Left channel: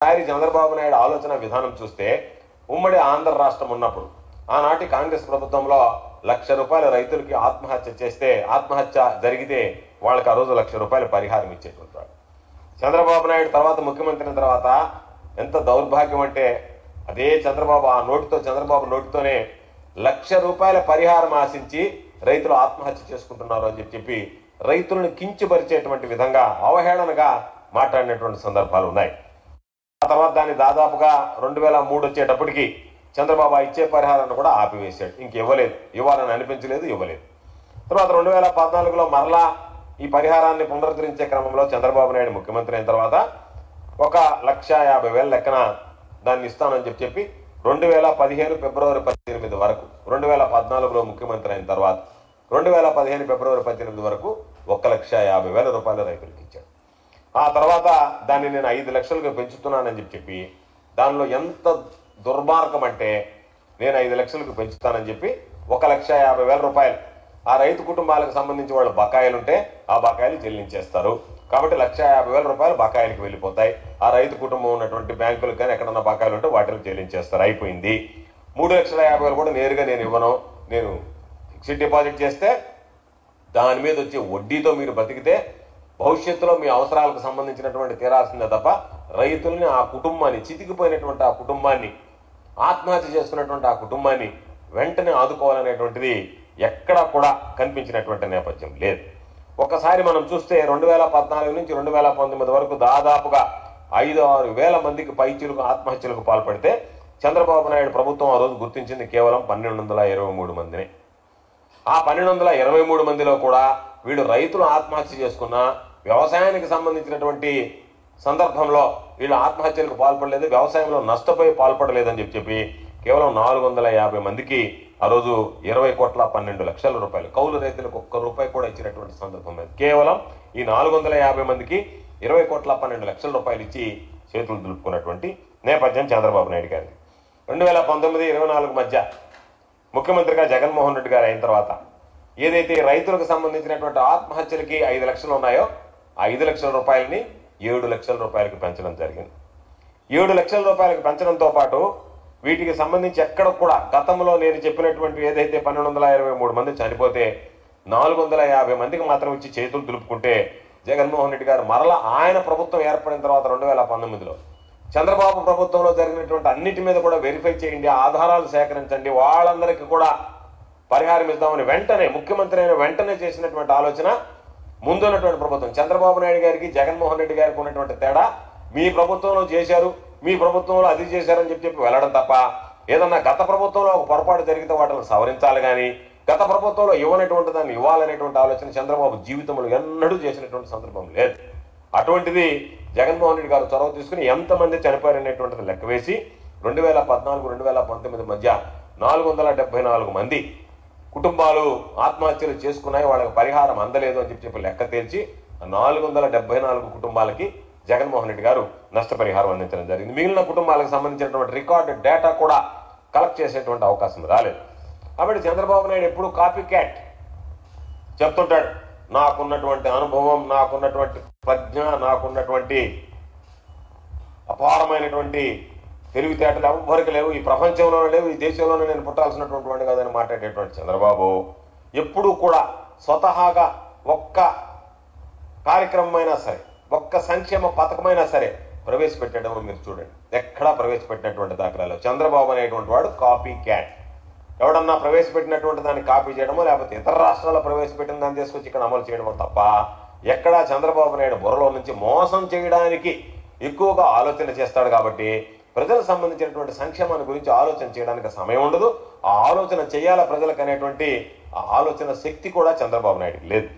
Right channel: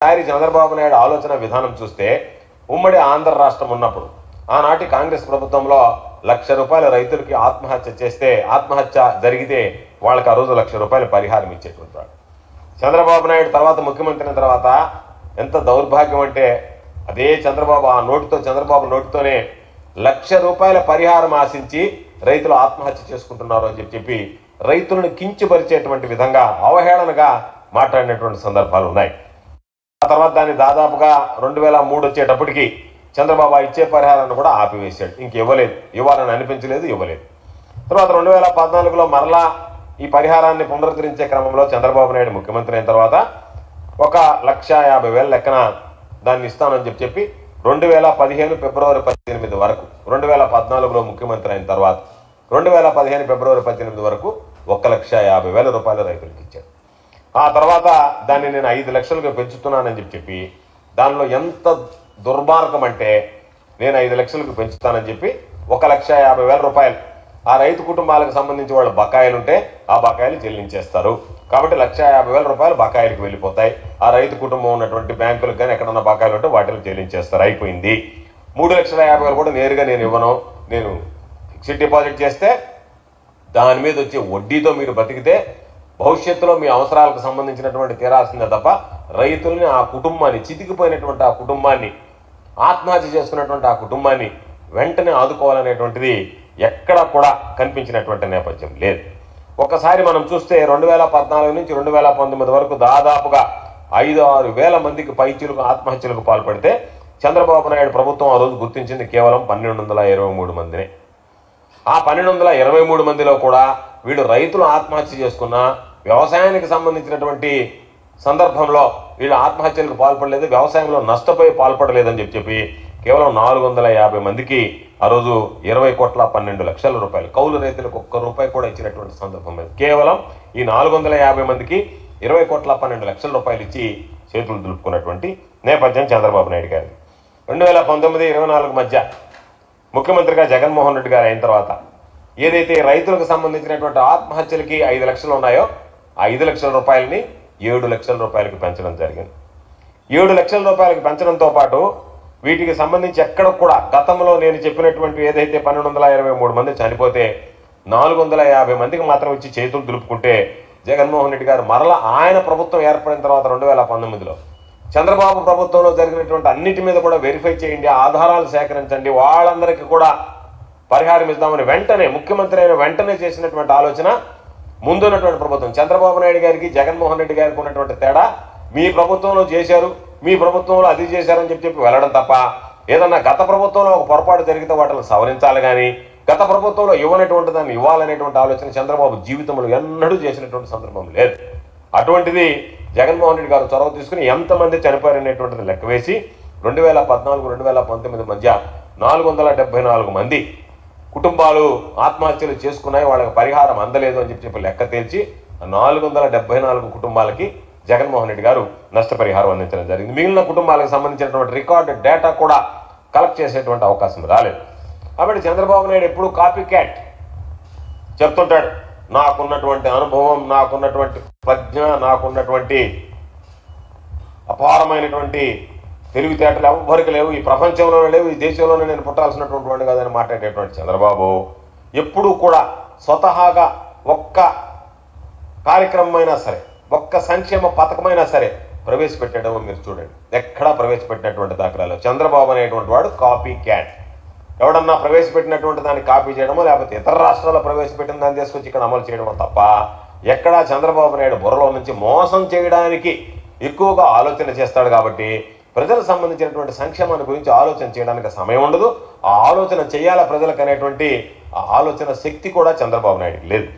ఒకసారి చంద్రబాబు నాయుడు ఆలోచన విధానం చూస్తే ఉమ్మడి ఆంధ్ర రాష్ట్రం ఉన్నప్పుడు ఆనాటి కాంగ్రెస్ ప్రభుత్వంలో ₹1,00,000 రైతులకి ఆత్మహత్య జరిగితే వాళ్ళకి ఆ రోజు ₹1,00,000 పరిహారం ఇచ్చేటువంటి వాడు. చంద్రబాబు నాయుడు తర్వాత ముఖ్యమంత్రి తర్వాత ఎంత దౌర్భాగ్యం అంటే అదే చంద్రబాబు నోటితోనే ₹1,00,000 పరిహారం ఆశించి రైతులు ఆత్మహత్య చేసుకుంటున్నారు అని చెప్పి రైతులను కించపరిచేటువంటి విధంగా అవహేళనగా మాట్లాడినటువంటి సందర్భాలు ఉన్నాయి. ఆ తర్వాత దాన్ని దాదాపుగా 2003 వచ్చేటప్పటికి చంద్రబాబు ఇచ్చే పరిహారాన్ని కూడా ఆపివేశాడు. ఇవ్వాలని అనిపించలేదు, ఇవ్వలేదు. తర్వాత 2014లో మరలా ఈ పరిహారాన్ని పునరుద్ధరించే క్రమంలో చంద్రబాబు నాయుడు ముఖ్యమంత్రి అయిన తర్వాత 1,50,000 లెక్కన దాన్ని ఇస్తానని చెప్పి 2015 ఫిబ్రవరి 18 వరకు 2014లో ముఖ్యమంత్రి అయిన తర్వాత 2015 ఫిబ్రవరి 18 వరకు ₹1,50,000 రైతులకు ఇచ్చాడు. ఆ తర్వాత దాన్ని నేను 5 లక్షలుగా పెంచుతున్నానని చెప్పి దానిలో ఎంత దుర్మార్గం అంటే నేను 5 లక్షలకు పెంచుతానని చెప్పి ₹1,50,000 ఆ రైతు కుటుంబాలకు సంబంధించి వాళ్ళ బకాయిలు ఉంటే ఆ బకాయిలు చెల్లించేస్తారు. కాబట్టి ₹1,50,000 బకాయిలకు వెళ్ళిపోతాయి. ఆ రైతు కుటుంబం ఉన్నటువంటి బ్యాంకులకు కానీ ఎక్కడన్నా బకాయిలు ఉంటే వాటిని చెల్లించేస్తారు. అయిపోయింది. ₹3,50,000 కూడా నేరుగా నేను ఇవ్వను. నేను ఫిక్స్డ్ డిపాజిట్ చేస్తే దాని మీద వచ్చే వడ్డీతో మీరు బతికితే భవిష్యత్తులో మీ అవసరాలకు సంబంధించినటువంటి తీరాల్సిందే తప్ప రైతుల్ని ఆ కుటుంబాన్ని చితికిపోయినటువంటి ఆ కుటుంబాన్ని ఆత్మహత్య చేసుకున్నటువంటి ఆ కుటుంబాన్ని వెంటనే ఆదుకోవాలనేటువంటిది ఎక్కడా కూడా కనిపించినటువంటి నేపథ్యం లేదు. ఒక్కసారి మనం చూస్తే 2014 నుంచి 2019 వరకు దాదాపుగా 5-6 వేల మందికి పైచీలకు ఆత్మహత్యలకు పాల్పడితే చంద్రబాబు నాయుడు ప్రభుత్వం ఆ రోజు గుర్తించింది కేవలం 1,223 మందిని. ఆ 1,223 మందిలో కూడా వీళ్ళు రైతులు ఆత్మహత్య చేసుకున్న వ్యవసాయానికి సంబంధించినటువంటి సందర్భంలో వీళ్ళు ఆత్మహత్యలకు పాల్పడలేదు, వ్యవసాయంలో నష్టపోయి పాల్పడలేదని చెప్పి కేవలం 450 మందికి ఆ రోజు ₹20,12,00,000 కౌలు రైతులకు ₹1 కూడా ఇచ్చినటువంటి సందర్భం లేదు. కేవలం ఈ 450 మందికి ₹20,12,00,000 ఇచ్చి చేతులు దులుపుకున్నటువంటి నేపథ్యం చంద్రబాబు నాయుడు గారి. 2019-24 మధ్య ముఖ్యమంత్రిగా జగన్మోహన్ రెడ్డి గారు అయిన తర్వాత ఏదైతే రైతులకు సంబంధించినటువంటి ఆత్మహత్యలకి 5 లక్షలు ఉన్నాయో ఆ ₹5 లక్షల ₹7 లక్షల పెంచడం జరిగింది. ₹7 లక్షల పెంచడంతో పాటు వీటికి సంబంధించి ఎక్కడ కూడా గతంలో నేను చెప్పినటువంటి ఏదైతే 1,223 మంది చనిపోతే 450 మందికి మాత్రం ఇచ్చి చేతులు దులుపుకుంటే జగన్మోహన్ రెడ్డి గారు మరలా ఆయన ప్రభుత్వం ఏర్పడిన తర్వాత 2019లో చంద్రబాబు ప్రభుత్వంలో జరిగినటువంటి అన్నిటి మీద కూడా వెరిఫై చేయండి, ఆధారాలు సేకరించండి, వాళ్ళందరికీ కూడా పరిహారం ఇద్దామని వెంటనే ముఖ్యమంత్రి అయిన వెంటనే చేసినటువంటి ఆలోచన ముందున్నటువంటి ప్రభుత్వం చంద్రబాబు నాయుడు గారికి జగన్మోహన్ రెడ్డి గారికి ఉన్నటువంటి తేడా మీ ప్రభుత్వంలో చేశారు, మీ ప్రభుత్వంలో అది చేశారని చెప్పి వెళ్ళడం తప్ప ఏదన్నా గత ప్రభుత్వంలో ఒక పొరపాటు జరిగితే వాటిని సవరించాలి కానీ గత ప్రభుత్వంలో ఇవ్వనటువంటి దాన్ని ఇవ్వాలనేటువంటి ఆలోచన చంద్రబాబు జీవితంలో ఎన్నడూ చేసినటువంటి సందర్భం లేదు. అటువంటిది జగన్మోహన్ రెడ్డి గారు చొరవ తీసుకుని ఎంతమంది చనిపోయారనేటువంటిది లెక్క వేసి 2014-2019 మధ్య 474 మంది కుటుంబాలు ఆత్మహత్యలు చేసుకున్నాయి, వాళ్ళకి పరిహారం అందలేదు అని చెప్పి లెక్క తేల్చి 474 కుటుంబాలకి జగన్మోహన్ రెడ్డి గారు నష్టపరిహారం అందించడం జరిగింది. మిగిలిన కుటుంబాలకు సంబంధించినటువంటి రికార్డు డేటా కూడా కలెక్ట్ చేసేటువంటి అవకాశం రాలేదు. కాబట్టి చంద్రబాబు నాయుడు ఎప్పుడు కాపీ క్యాట్ చెప్తుంటాడు, నాకున్నటువంటి అనుభవం, నాకున్నటువంటి ప్రజ్ఞ, నాకున్నటువంటి అపారమైనటువంటి తెలివితేటలు ఎవ్వరికి లేవు, ఈ ప్రపంచంలోనే లేవు, ఈ దేశంలోనే నేను పుట్టాల్సినటువంటి వాడిని కాదని మాట్లాడేటువంటి చంద్రబాబు ఎప్పుడూ కూడా స్వతహాగా ఒక్క కార్యక్రమమైనా సరే, ఒక్క సంక్షేమ పథకమైనా సరే ప్రవేశపెట్టడం మీరు చూడండి, ఎక్కడా ప్రవేశపెట్టినటువంటి దాఖలాలు. చంద్రబాబు అనేటువంటి వాడు కాపీ క్యాట్. ఎవడన్నా ప్రవేశపెట్టినటువంటి దాన్ని కాపీ చేయడమో లేకపోతే ఇతర రాష్ట్రాల్లో ప్రవేశపెట్టిన దాన్ని తీసుకొచ్చి ఇక్కడ అమలు చేయడమో తప్ప ఎక్కడా చంద్రబాబు నాయుడు బుర్రలో నుంచి మోసం చేయడానికి ఎక్కువగా ఆలోచన చేస్తాడు. కాబట్టి ప్రజలకు సంబంధించినటువంటి సంక్షేమాన్ని గురించి ఆలోచన చేయడానికి సమయం ఉండదు. ఆ ఆలోచన చేయాల ప్రజలకు అనేటువంటి ఆ ఆలోచన శక్తి కూడా చంద్రబాబు నాయుడుకి లేదు.